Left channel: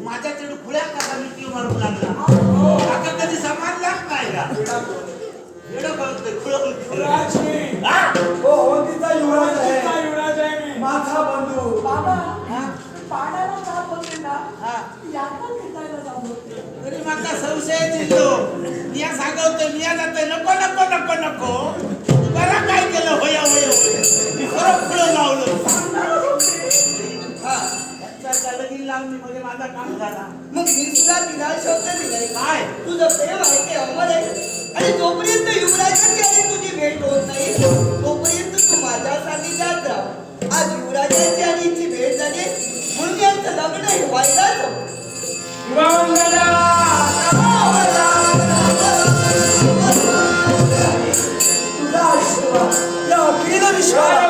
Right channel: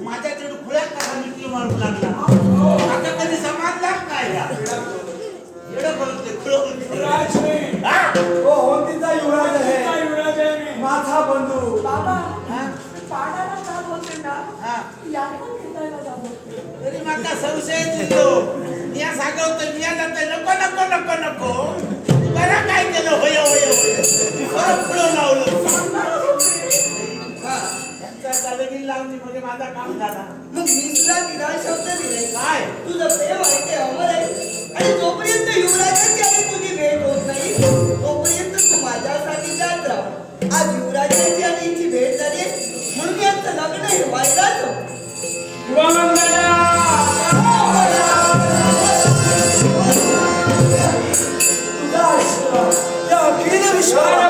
माझ्याकडे खुळ्या कसा मिटली म्हणून लागला आता कधी समाजलाच नाही का एवढं बोलतोय युवराज हो तिचा युवराज आहे माझा बंधू बाबा पाडाला का बोलते ना यातून घेतायला जातो तरी माका संशय दिसतो निया सांगवतो निया जातोय नको नको नको नको बरं काय केलं होय होय बरं फुलं लावलं लगीन लावणी मध्ये माझा काम झाला मग मी तुला तिला शब्द दिलाय काय तुझं प्रेम आहे ते अमर आहे आणि जोपर्यंत युवराजांची आणि तुझी भेट होत नाही तोपर्यंत तू माझ्यासाठी जात राह आज युवराजांची आणि हिची भेट झाली म्हणून यांचं लग्न हे व्हायलाच तुझा आशीर्वाद या अखिल विश्वाला